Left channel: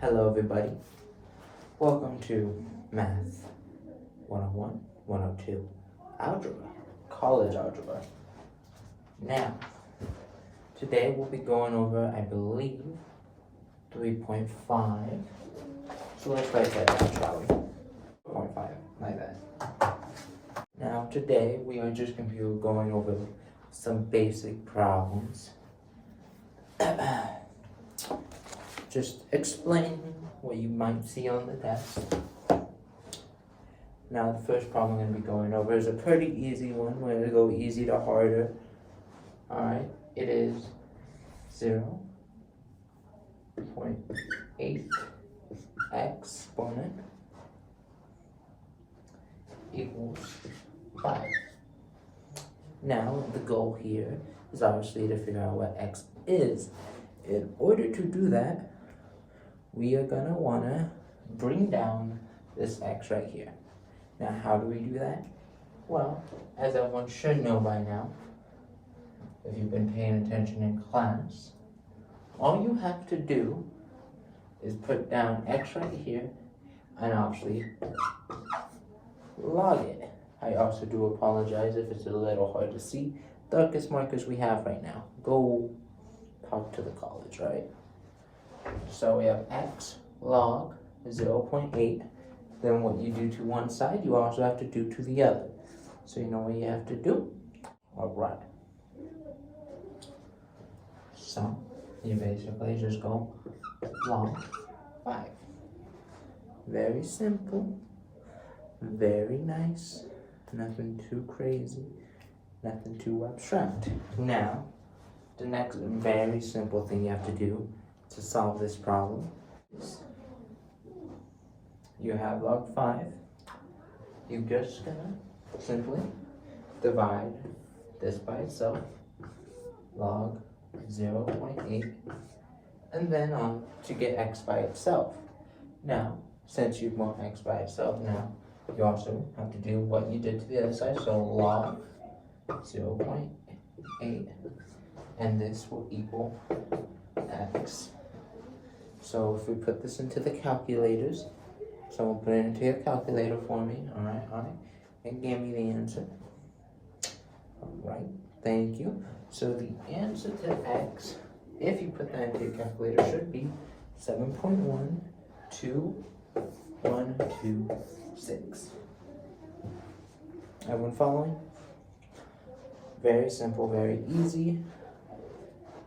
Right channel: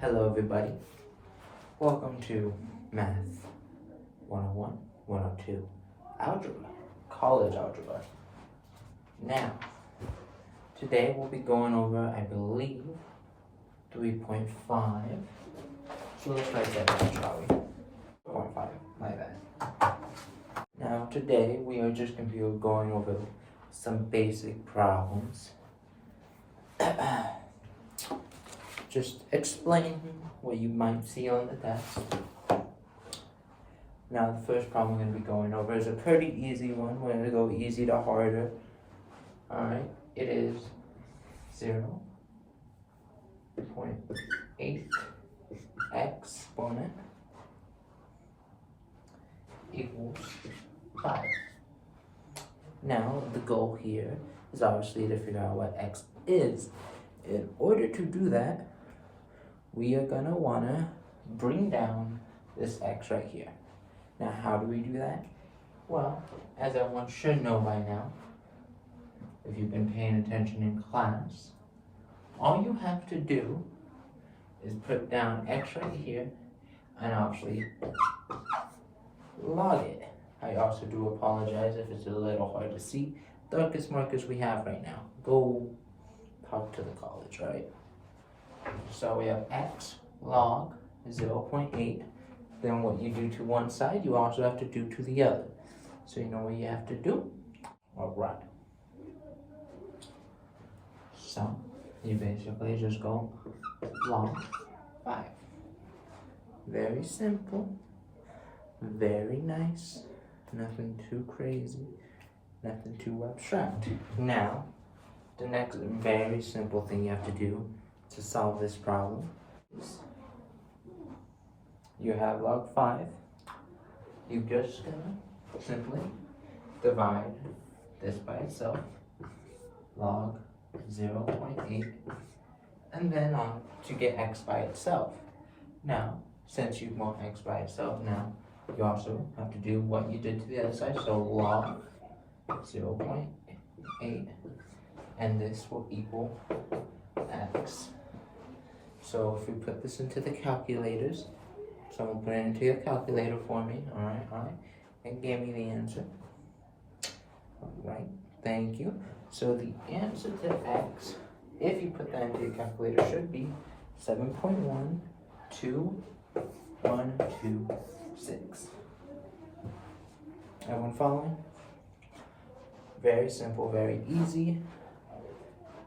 Hello everybody, welcome to Math 101, 102, Algebra, College Algebra. Now, today we'll be going over, I believe, 3.5. So let's write that down, shall we? 0.5, my bad. Now today we are just going to be going over some basic problems. Just explain what you might see on the test. Now the first problem I'm going to be going over is a pretty easy one. We're going to go easy to harder. Alright, it is 0.8 exponent equals 5. Now the goal here is obviously to figure out what x is. In order to do that, we are gonna wanna bring down this x right here. Now, how do we do that? Well, as everyone should know by now, if you've been paying attention in class, all you have to do is put down x right here and obviously log it. I also do apologize if it's a little hard to see. Darkest markers we have right now. Go talk to the college, right? So we have x log 0.8. Then what you do to one side, you also have to do to the other. So you know what you have to do? All right. So you basically just go log 5. Very simple. Very nice. Nothing too crazy. Nothing too abstract. Now, the next very simple thing you have to do to solve this problem is you have log 5. You're just gonna simply divide this by itself, log 0.8, and then on to get x by itself. Now, since you want x by itself, now you also have to do what you did to the other side, so log 0.8, and this will equal x. So if we put this into the calculators, someone put it into your calculator for me, alright, and give me the answer. Alright, thank you. So the answer to x, if you put that into your calculator, should be 7.12126. Everyone following? Very simple, very easy,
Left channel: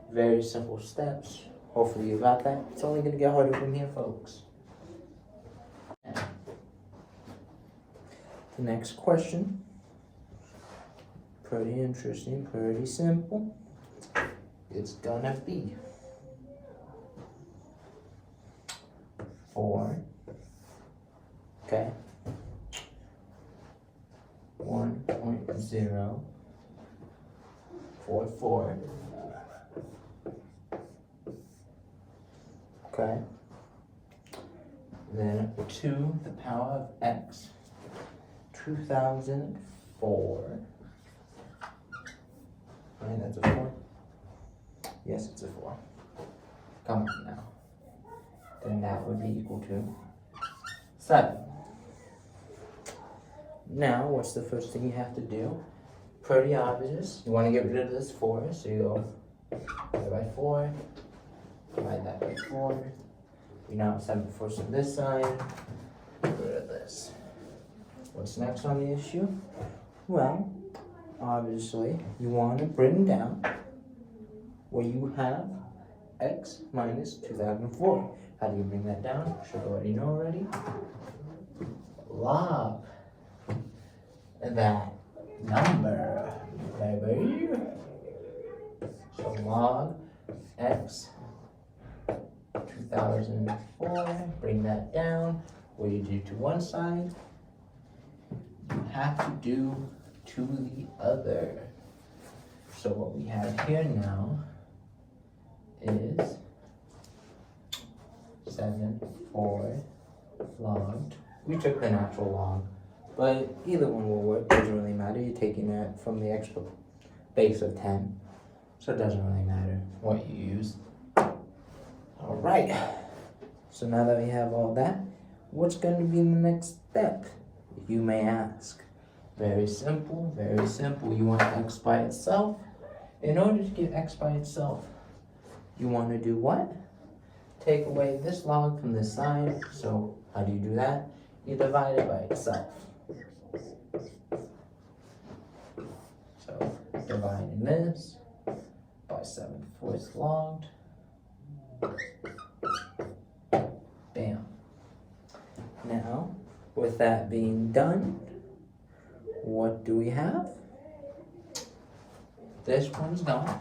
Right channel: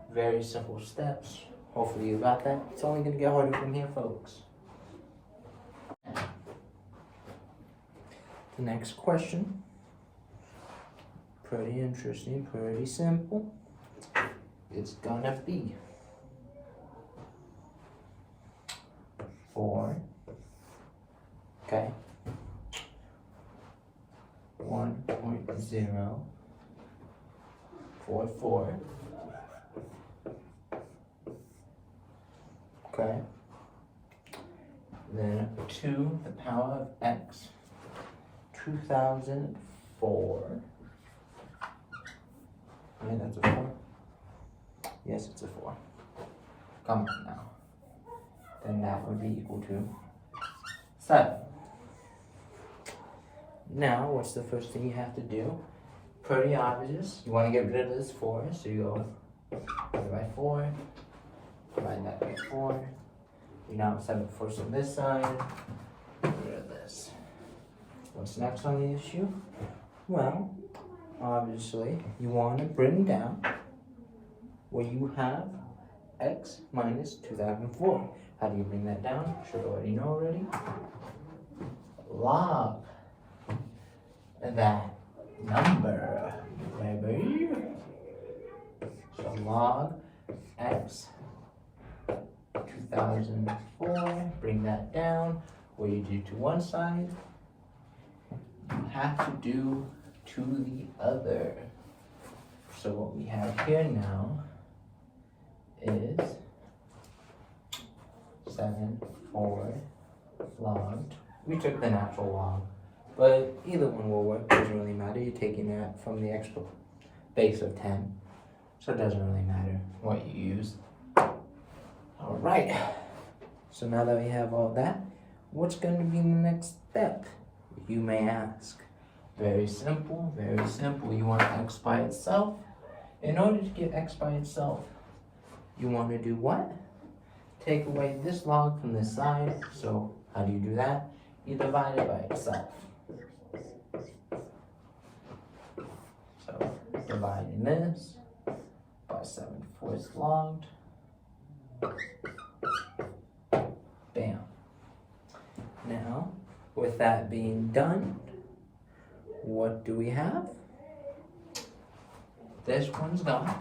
very simple steps. Hopefully you got that. It's only going to get harder from here, folks. The next question, pretty interesting, pretty simple. It's gonna be 4, okay, 1.044, okay, then 2 the power of x, 2004. Alright, that's a 4. Yes, it's a 4. Come on now. Then that would be equal to 7. Now, what's the first thing you have to do? Pretty obvious. You want to get rid of this 4, so you go divide by 4, divide that by 4. We now have 7 fourths on this side. Get rid of this. What's next on the issue? Well, obviously, you want to bring down where you have x minus 2004. How do you bring that down? Should already know already. Log that number, baby. So log x 2004. Bring that down. What you do to one side, you have to do to the other. So what we have here now is 7.4 logged. We took the natural log, but either one will work. Doesn't really matter. You're taking that from the extra base of 10, so it doesn't really matter what you use. All right. So now that we have all that, what's going to be the next step? You may ask. Very simple, very simple. You want x by itself. In order to get x by itself, you want to do what? Take away this log from this side. So how do you do that? You divide it by itself. So dividing this by 7/4 logged. Bam. Now, with that being done, what do we have? This one's gone.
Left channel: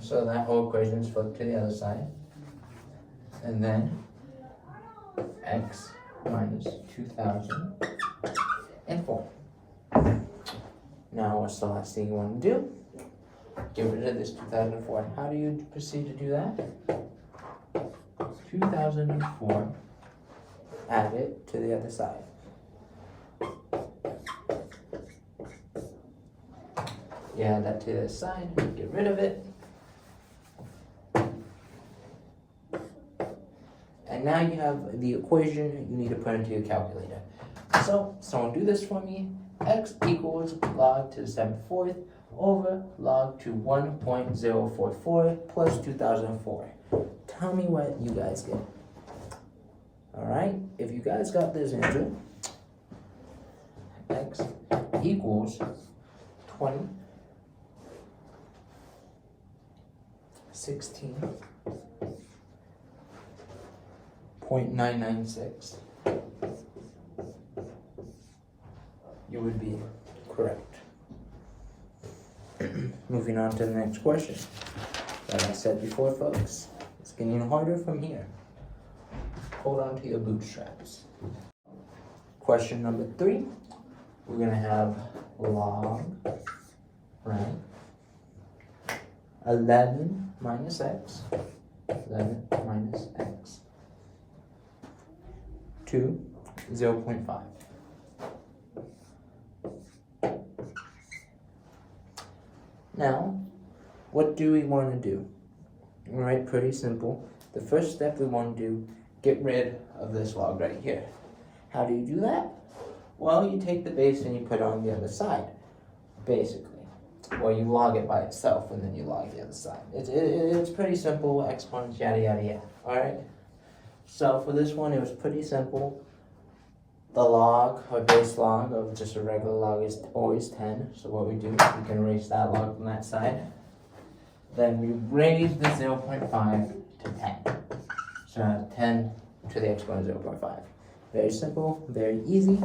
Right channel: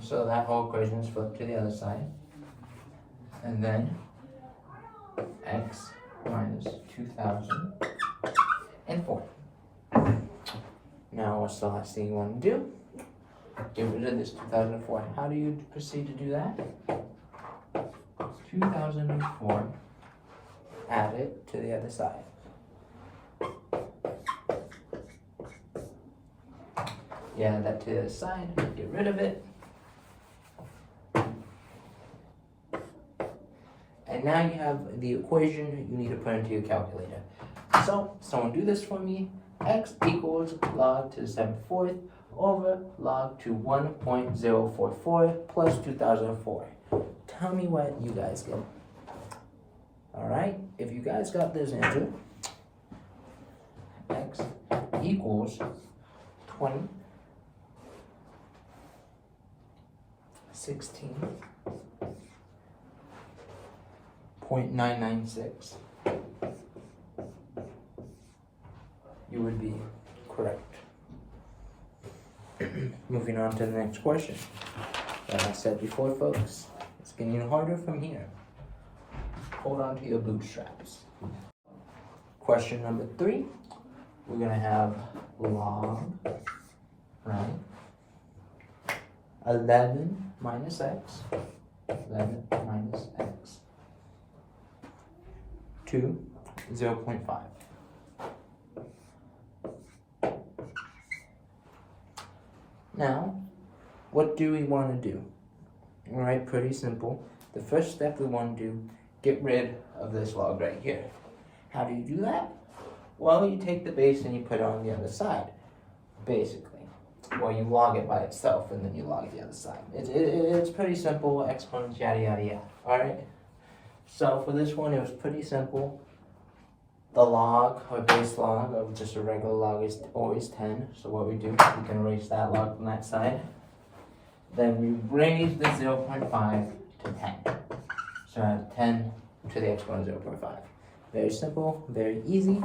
So that whole equation is flipped to the other side. And then x minus 2004. Now what's the last thing you want to do? Get rid of this 2004. How do you proceed to do that? 2004, add it to the other side. You add that to the other side, get rid of it. And now you have the equation you need to put into your calculator. So, someone do this for me. X equals log to the 7/4 over log to 1.044 plus 2004. Tell me what you guys get. Alright, if you guys got this answer, x equals 20, 16.996, you would be correct. Moving on to the next question. Like I said before, folks, it's getting harder from here. Hold on to your bootstraps. Question number 3. We're gonna have log, right? 11 minus x, 11 minus x, to 0.5. Now, what do we want to do? All right, pretty simple. The first step we want to do, get rid of this log right here. How do you do that? Well, you take the base and you put it on the other side, basically. Well, you log it by itself and then you log the other side. It's pretty simple, exponents, yada, yada, yada. All right? So for this one, it was pretty simple. The log, or base log, of just a regular log is always 10. So what we do, we can erase that log from that side. Then we raise the 0.5 to 10. So 10 to the exponent 0.5. Very simple, very easy.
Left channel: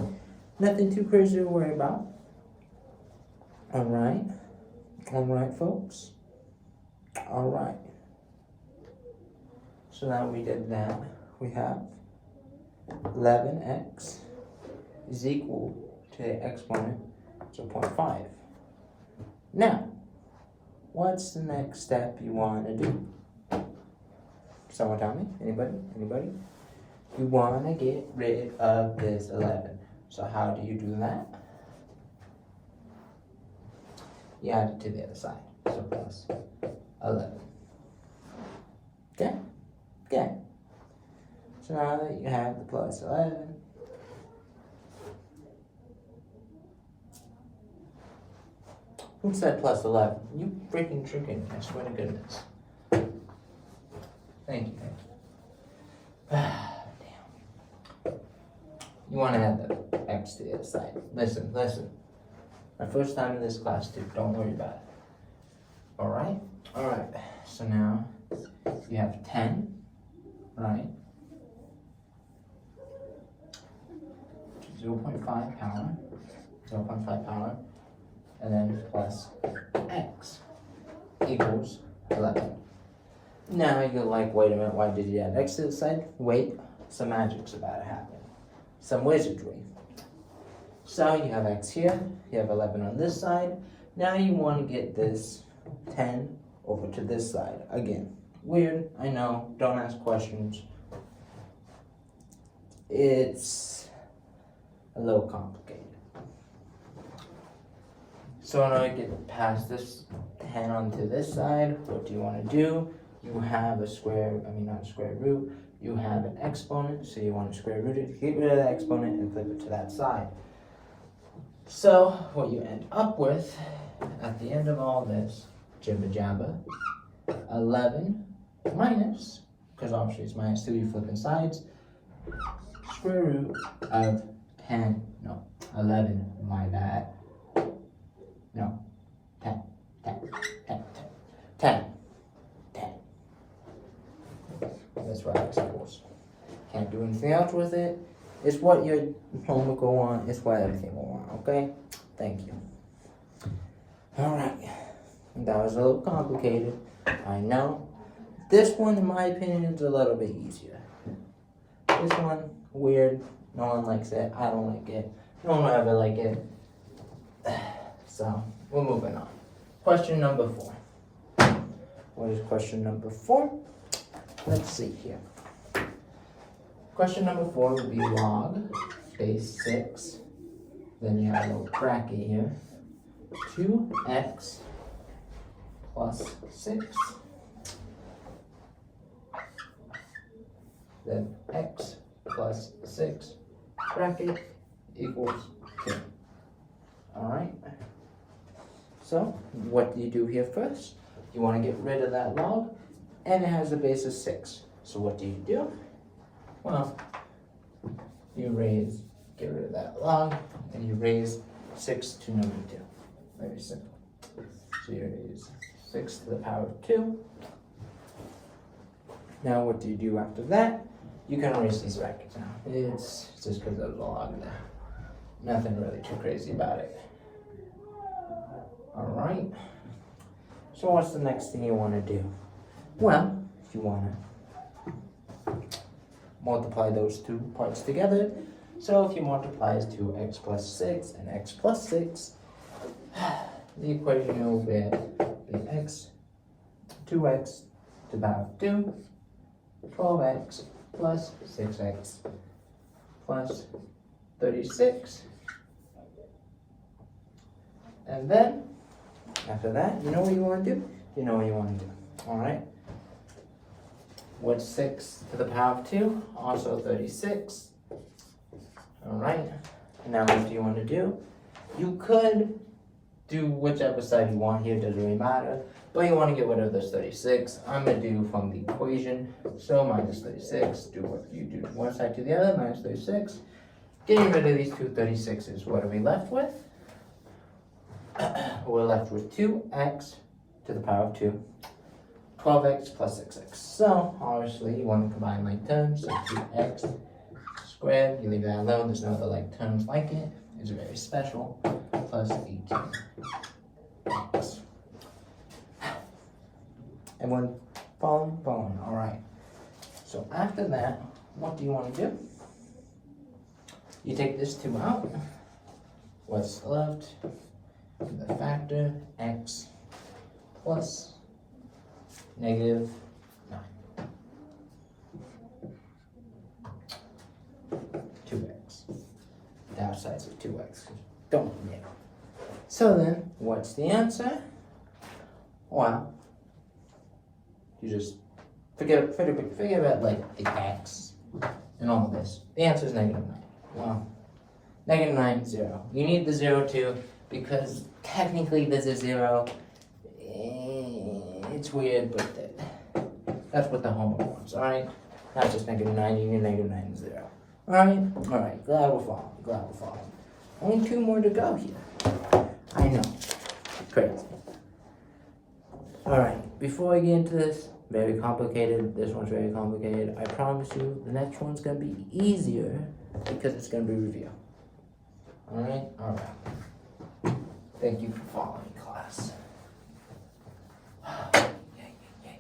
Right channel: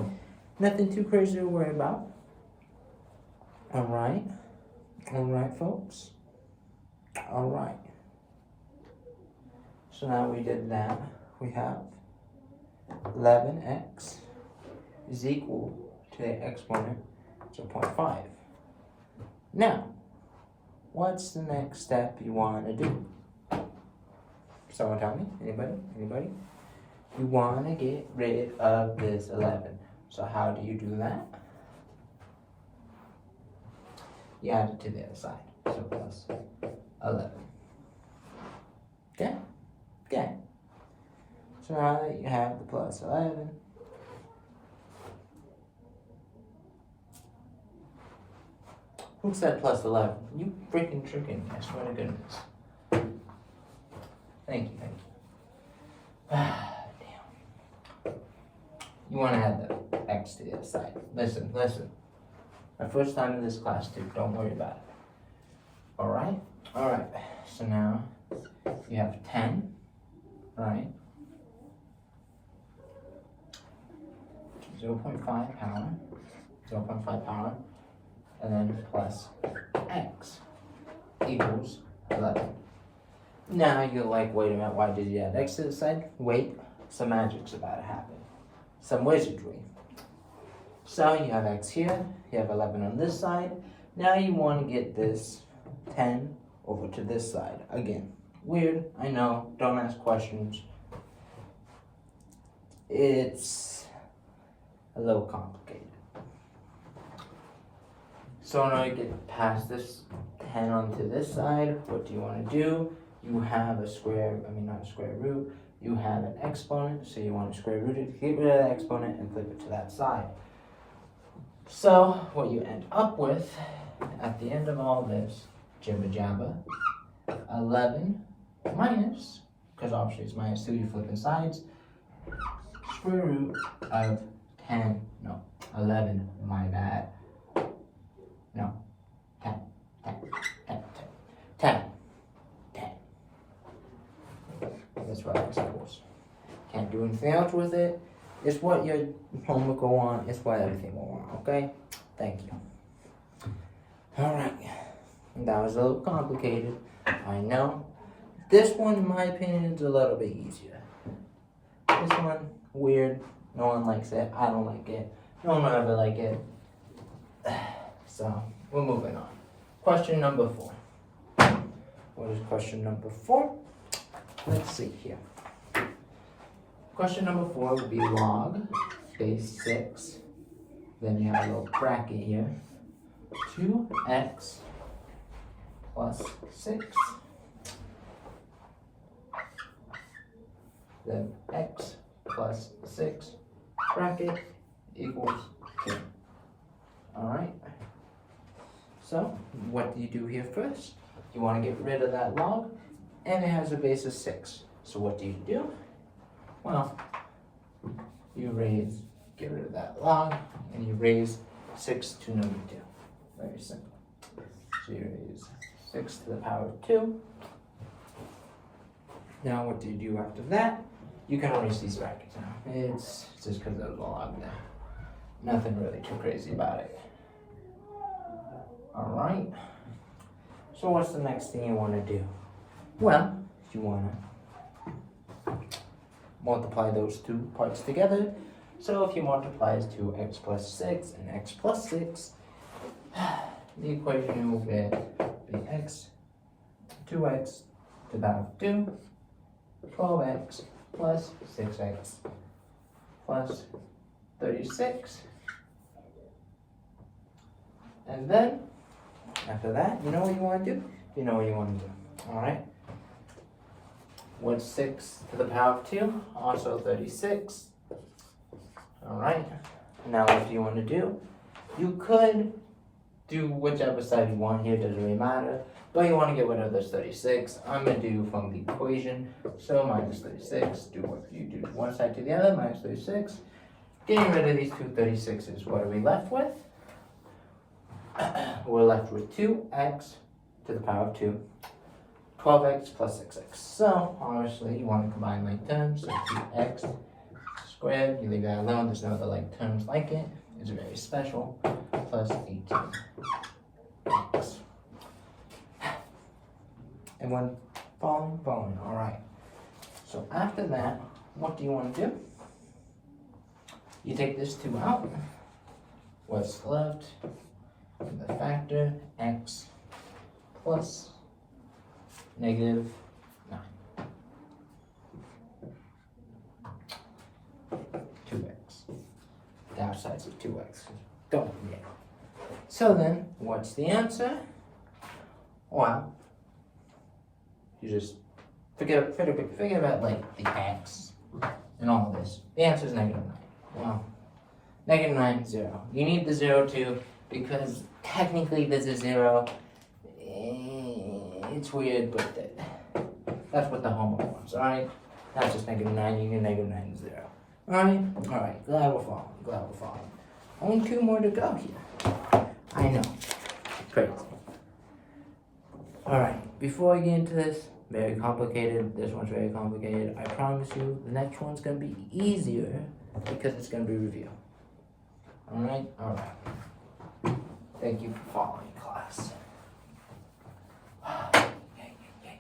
Nothing too crazy to worry about. Alright. Alright, folks. Alright. So now we did that. We have 11x is equal to the exponent 0.5. Now, what's the next step you want to do? Someone tell me? Anybody? Anybody? You want to get rid of this 11. So how do you do that? You add it to the other side. So plus 11. Okay? Okay. So now that you have the plus 11, who said plus 11? You freaking tricking me, I swear to goodness. Thank you, thank you. Damn. You want to add the x to the other side. Listen, listen. My first time in this class, too. Don't worry about it. Alright? Alright. So now, you have 10, right? 0.5 power. 0.5 power. And then plus x equals 11. Now you're like, wait a minute, why did you add x to the side? Wait, some magic's about to happen. Some wizardry. So you have x here, you have 11 on this side. Now you want to get this 10 over to this side. Again, weird, I know, don't ask questions. It's a little complicated. So in order to get past this 10 onto this side, what do you want to do? You have not a square root, you have an exponent, so you want to square root it to get rid of the exponent and flip it to that side. So what you end up with at the end of all this, jibba jabba, 11 minus, because obviously it's minus 2, you flip sides, square root of 11, my bad. No, 10. That's right, I suppose. Can't do anything else with it. It's what your homework will want. It's what everything will want, okay? Thank you. Alright. That was a little complicated. I know. This one, in my opinion, is a little bit easier. This one, weird. No one likes it. I don't like it. No one will ever like it. So, we're moving on. Question number 4. What is question number 4? Let's see here. Question number 4 would be log base 6. Then you have a little bracket here. 2x plus 6. Then x plus 6 bracket equals 2. Alright. So, what do you do here first? You want to get rid of that log, and it has a base of 6. So what do you do? Well, you get rid of that log, and you raise 6 to number 2. Very simple. So you raise 6 to the power of 2. Now what do you do after that? You can erase these brackets now. It's just because there's a log there. Nothing really too crazy about it. Alright. So what's the next thing you want to do? Well, you want to multiply those two parts together. So if you multiply as 2x plus 6 and x plus 6, the equation will be 2x to the power of 2, 12x plus 6x plus 36. And then, after that, you know what you want to do? You know what you want to do, alright? What's 6 to the power of 2? Also 36. Alright, now what do you want to do? You could do whichever side you want here, doesn't really matter. But you want to get rid of this 36. I'm going to do from the equation. So minus 36, do what you do to one side to the other, minus 36. Getting rid of these two 36s, what are we left with? We're left with 2x to the power of 2, 12x plus 6x. So, obviously, you want to combine like terms, so 2x squared, you leave that alone, there's no other like terms like it. It's very special, plus 18x. Everyone following, alright. So after that, what do you want to do? You take this 2 out. What's left? The factor x plus negative 9. 2x. The outside's of 2x. Don't forget. So then, what's the answer? Well, you just forget about like the x and all of this. The answer is negative 9. Well, negative 9, 0. You need the 0 too, because technically there's a 0. It's weird, but that's what the homework wants, alright? Not just negative 9, you need negative 9 and 0. Alright? Alright, glad we're following. Only 2 more to go here. I know. Crazy. Alright, before I get into this, very complicated. This one's very complicated. I promise you, the next one's going to be easier because it's going to be review. Alright? Alright. Thank you for following, class. Yay.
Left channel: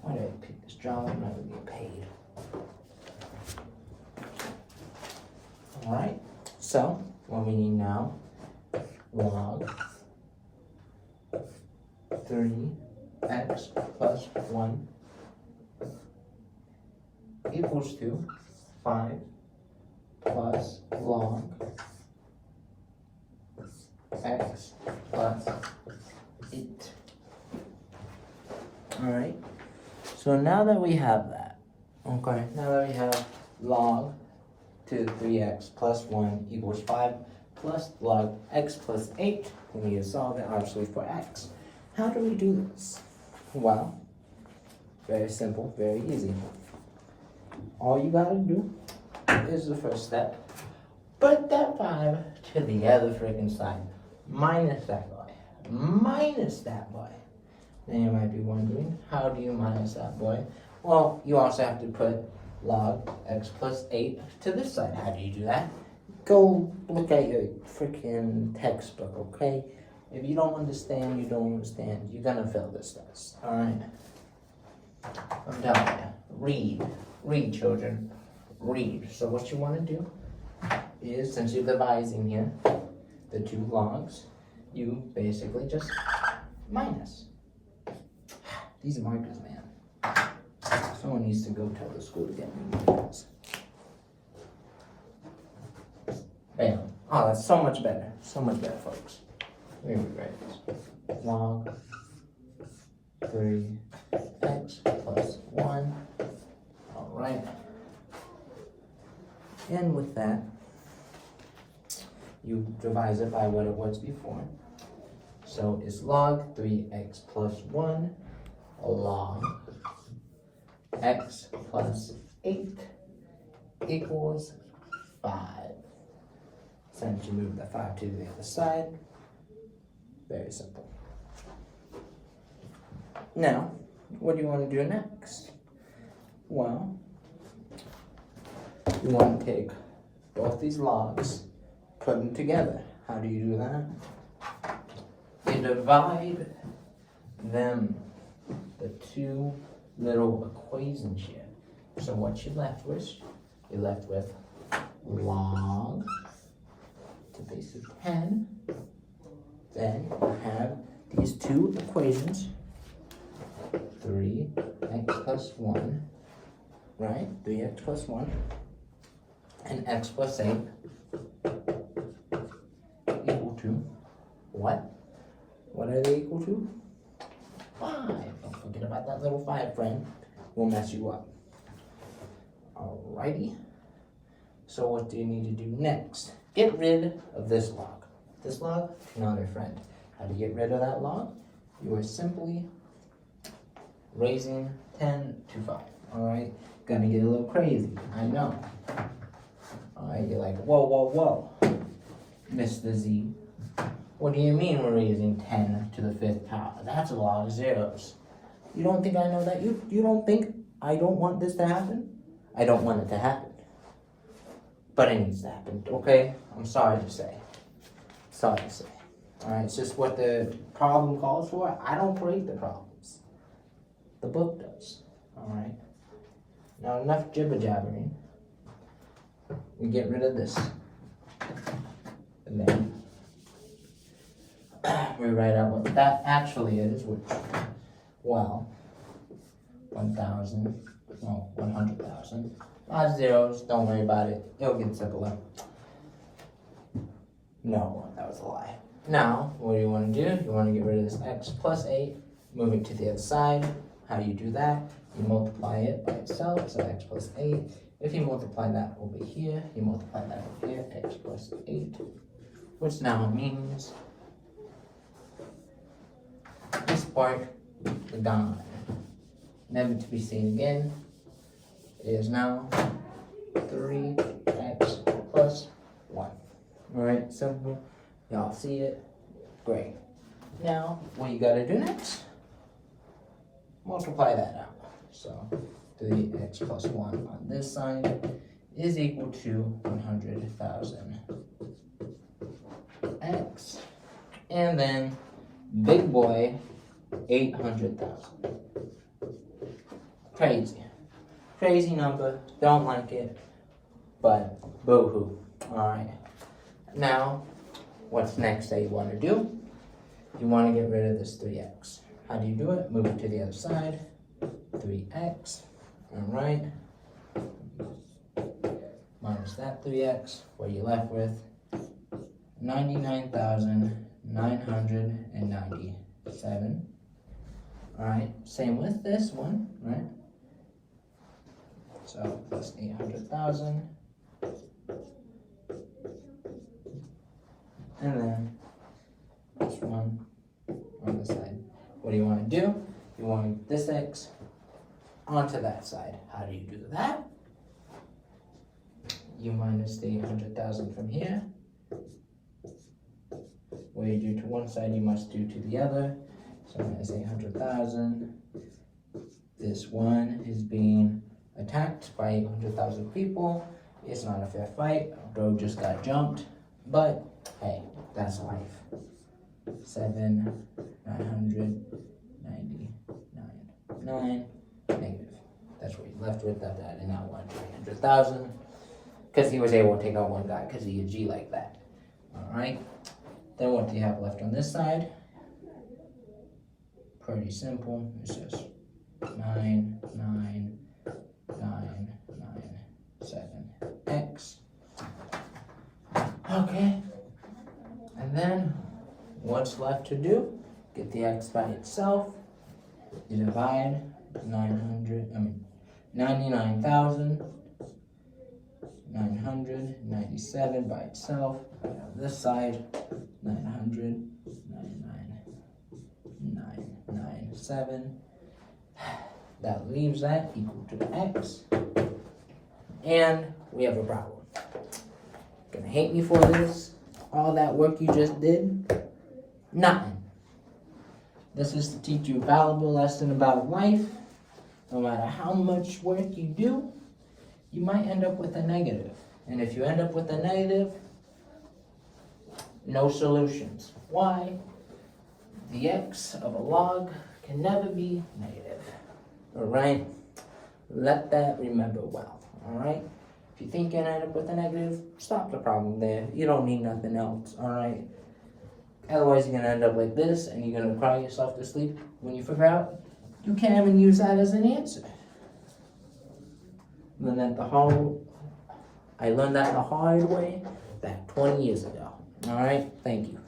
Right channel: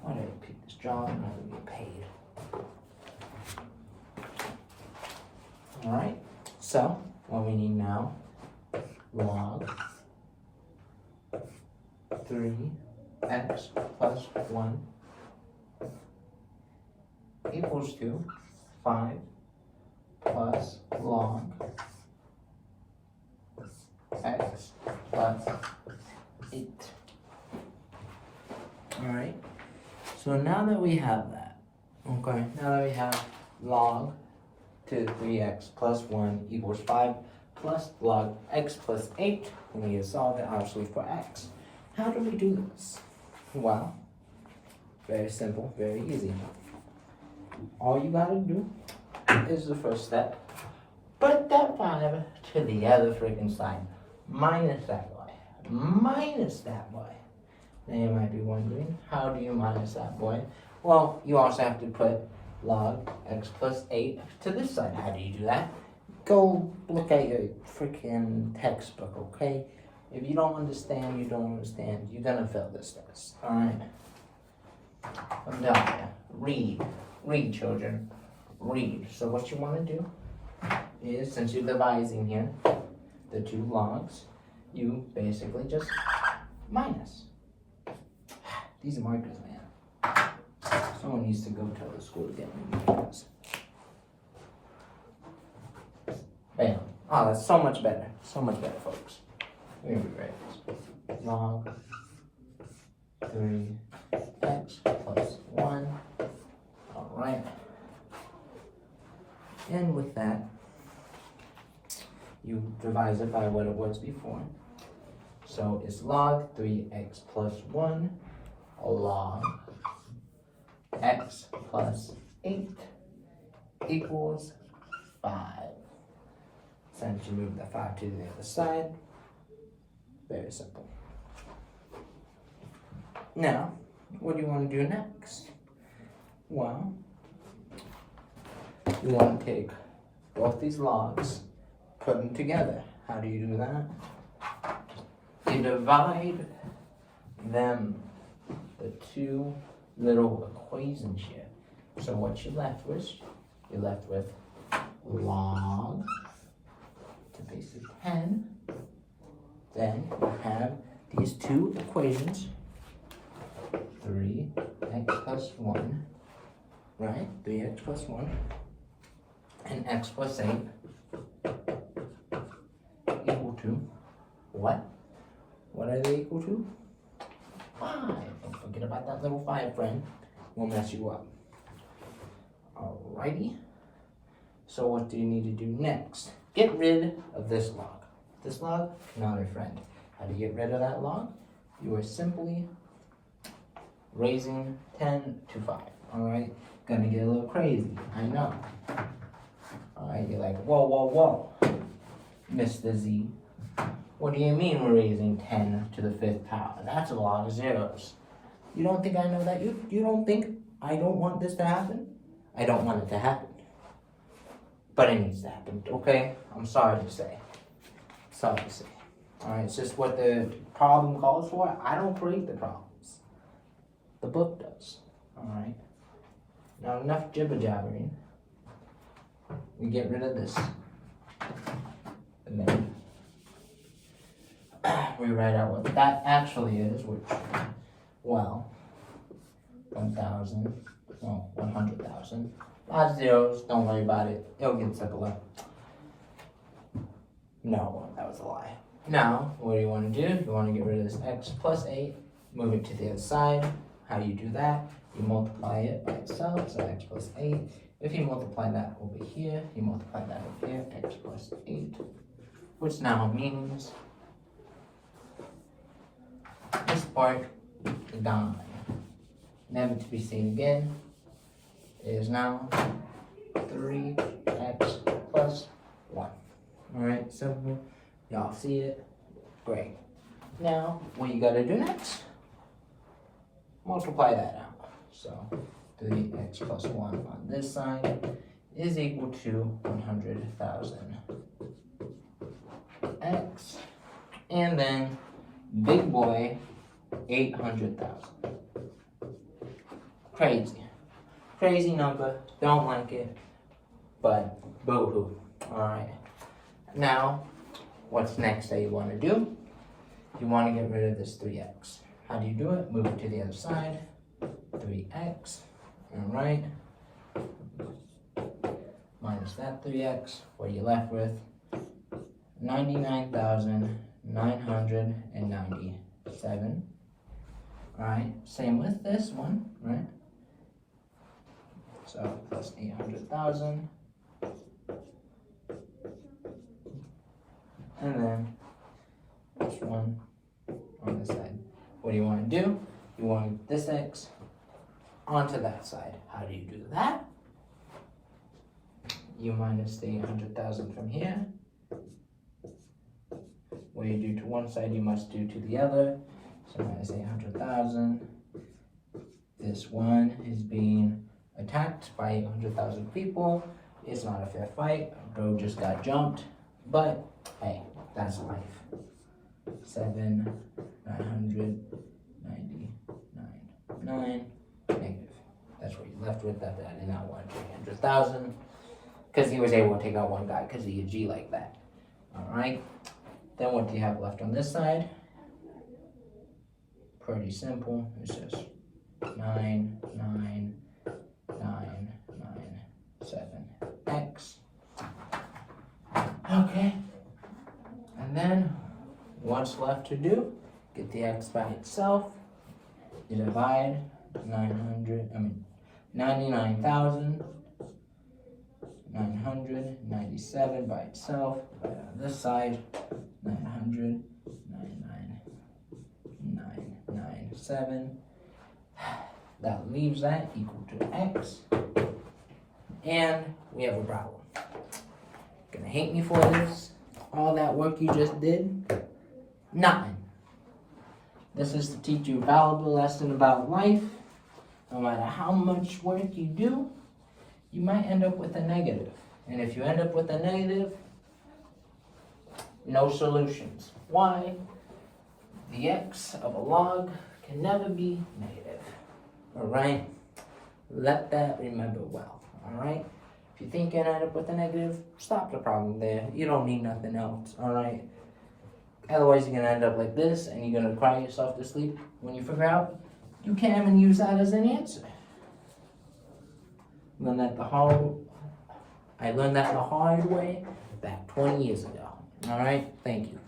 Why did I pick this job? I'm not going to get paid. Alright, so what we need now, log 3x plus 1 equals to 5 plus log x plus 8. Alright, so now that we have that, okay, now that we have log to 3x plus 1 equals 5 plus log x plus 8, we need to solve it obviously for x. How do we do this? Well, very simple, very easy. All you gotta do is the first step. Put that 5 to the other freaking side. Minus that boy. Minus that boy. Now you might be wondering, how do you minus that boy? Well, you also have to put log x plus 8 to this side. How do you do that? Go look at your freaking textbook, okay? If you don't understand, you don't understand. You're gonna fail this test, alright? I'm telling you. Read. Read, children. Read. So what you want to do is, since you're dividing here, the two logs, you basically just minus. These markers, man. Someone needs to go tell the school to get me markers. Bam. Oh, that's so much better. So much better, folks. We're gonna write this. Log 3x plus 1. Alright. And with that, you divide it by what it was before. So it's log 3x plus 1 log x plus 8 equals 5. Since you move the 5 to the other side, very simple. Now, what do you want to do next? Well, you want to take both these logs, put them together. How do you do that? You divide them, the two little equations here. So what you're left with log to basic 10. Then you have these two equations, 3x plus 1, right? 3x plus 1 and x plus 8 equal to what? What are they equal to? 5. Don't forget about that little 5, friend. We'll mess you up. Alrighty. So what do you need to do next? Get rid of this log. This log, not a friend. How to get rid of that log? You are simply raising 10 to 5. Alright? Gonna get a little crazy. I know. Alright, you're like, whoa, whoa, whoa. Mr. Z. What do you mean we're raising 10 to the 5th power? That's a lot of zeros. You don't think I know that? You don't think I don't want this to happen? I don't want it to happen. But it needs to happen, okay? I'm sorry to say. Sorry to say. Alright, it's just what the problem calls for. I don't create the problems. The book does. Alright? Now enough jibber jabbering. We get rid of this. And then we write out what that actually is, which, well, 1,000, no, 100,000. Lots of zeros, don't worry about it. It'll get simpler. No, that was a lie. Now, what do you want to do? You want to get rid of this x plus 8, move it to the other side. How do you do that? You multiply it by itself, so x plus 8. If you multiply that over here, you multiply that over here, x plus 8, which now means this part is gone. Never to be seen again. It is now 3x plus 1. Alright, simple. Y'all see it? Great. Now, what you gotta do next? Multiply that out. So, 3x plus 1 on this side is equal to 100,000 x. And then, big boy, 800,000. Crazy. Crazy number. Don't like it. But, boo-hoo. Alright. Now, what's next that you want to do? You want to get rid of this 3x. How do you do it? Move it to the other side. 3x. Alright. Minus that 3x. What are you left with? 99,997. Alright, same with this one, right? So plus 800,000. And then this one on the side. What do you want to do? You want this x onto that side. How do you do that? You minus the 800,000 from here. What you do to one side, you must do to the other. So minus 800,000. This one is being attacked by 800,000 people. It's not a fair fight. Bro just got jumped. But hey, that's life. 7,999 negative. That's what you left with. That and not 300,000. Because he was able to take out one guy because he could G like that. Alright. Then what do you have left on this side? Pretty simple. It's just 99997x. Okay. And then what's left to do? Get the x by itself. You divide 99,997 by itself. Right on this side, 999,997. That leaves that equal to x. And we have a problem. Gonna hate me for this. All that work you just did, nothing. This is to teach you a valuable lesson about life. No matter how much work you do, you might end up with a negative. And if you end up with a negative, no solutions. Why? The x of a log can never be negative. Alright? Let that remember well. Alright? If you think you're gonna end up with a negative, stop the problem there. You don't need nothing else. Alright? Otherwise, you're gonna end up like this, and you're gonna cry yourself to sleep when you figure out you can't even use that as an answer. I learned that the hard way back 20 years ago. All right, thank you.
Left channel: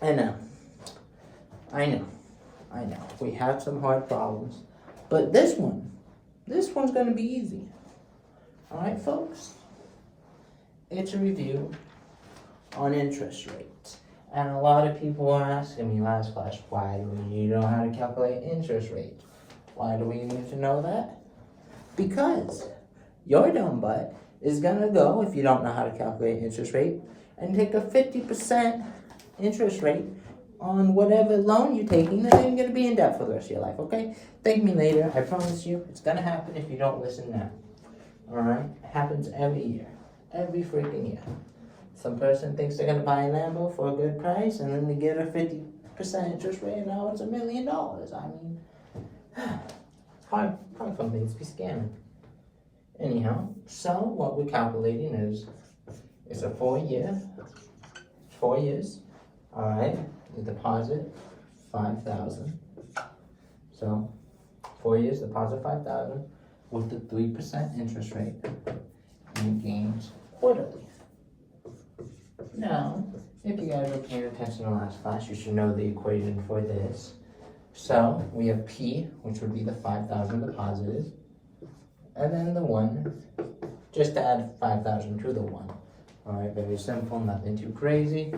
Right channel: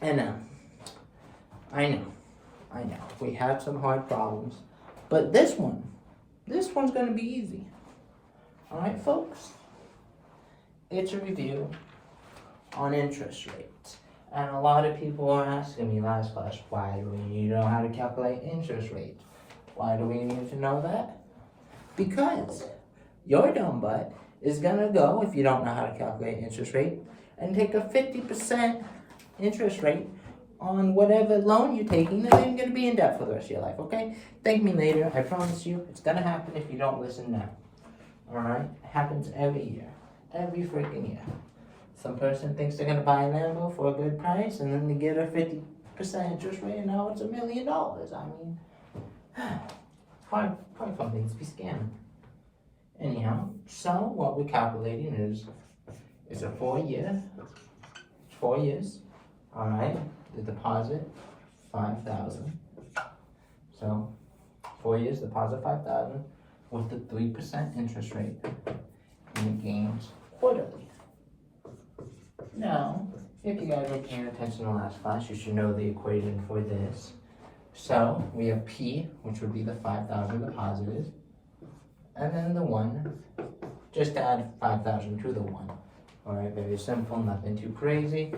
And now, I know, we have some hard problems, but this one's gonna be easy. All right, folks. It's a review on interest rates. And a lot of people are asking me last class, why do we need to know how to calculate interest rates? Why do we need to know that? Because your dumb butt is gonna go, if you don't know how to calculate interest rate, and take a 50% interest rate on whatever loan you're taking, and then you're gonna be in debt for the rest of your life, okay? Thank me later, I promise you, it's gonna happen if you don't listen now. Alright? It happens every year. Every freaking year. Some person thinks they're gonna buy a Lambo for a good price, and then they get a 50% interest rate, and now it's $1 million. I mean, hard companies be scamming. Anyhow, so what we're calculating is it's a 4 years. Alright, the deposit, 5,000. So 4 years, deposit 5,000 with the 3% interest rate, and it gains quarterly. Now, if you guys were paying attention in last class, you should know the equation for this. So we have P, which would be the 5,000 deposited, and then the 1, just add 5,000 to the 1. Alright, very simple, nothing too crazy.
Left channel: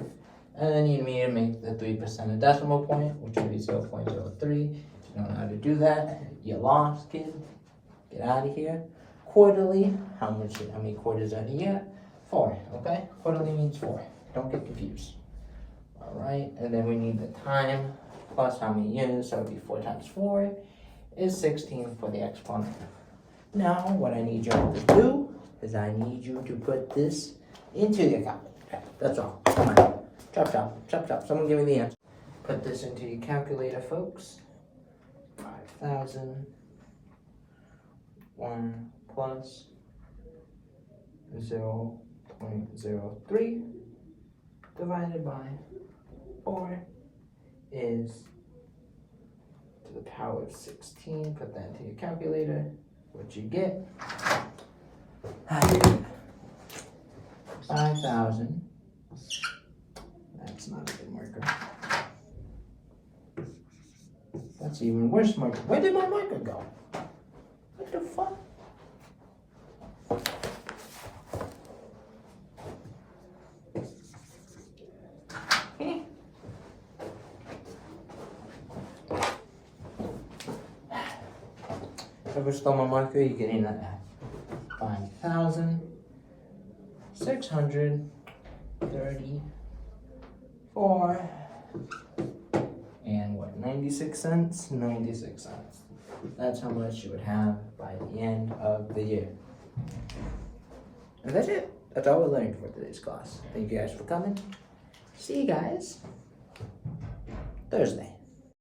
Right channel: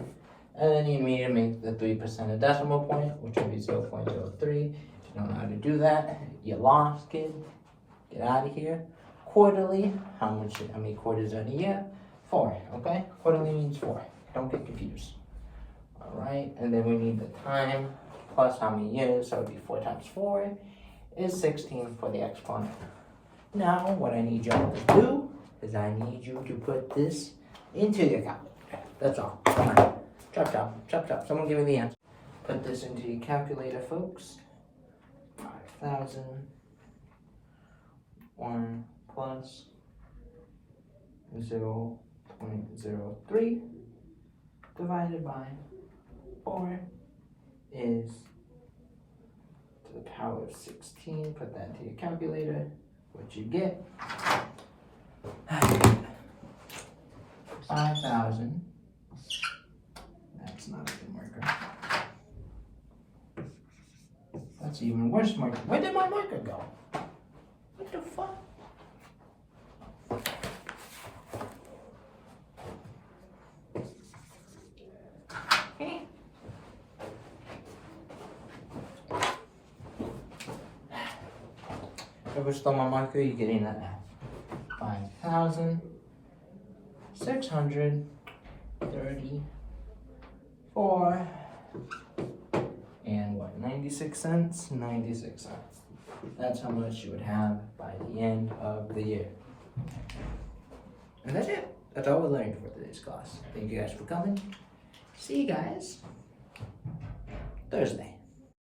And then you need to make the 3% a decimal point, which would be 0.03. If you don't know how to do that, you lost, kid. Get out of here. Quarterly, how many quarters are in a year? 4, okay? Quarterly means 4. Don't get confused. Alright, and then we need the time plus how many years, so it would be 4 times 4 is 16 for the exponent. Now, what I need y'all to do is I need you to put this into your calculator. That's all. Come on. Chop. Someone give me the answer. Put this into your calculator, folks. 5,000. 1 plus 0.03 divided by 4 is to the power of 16. Put that into your calculator. What you get 5,000. That's not a good marker. That's even worse marker. Where did my marker go? What the fuck? If I stole my marker, you're getting that at 5,634 and what, 96 cents? 96 cents. That's how much you would have by the end of the year. And that's it. That's all we learned for today's class. Thank you guys for coming. See you guys Thursday.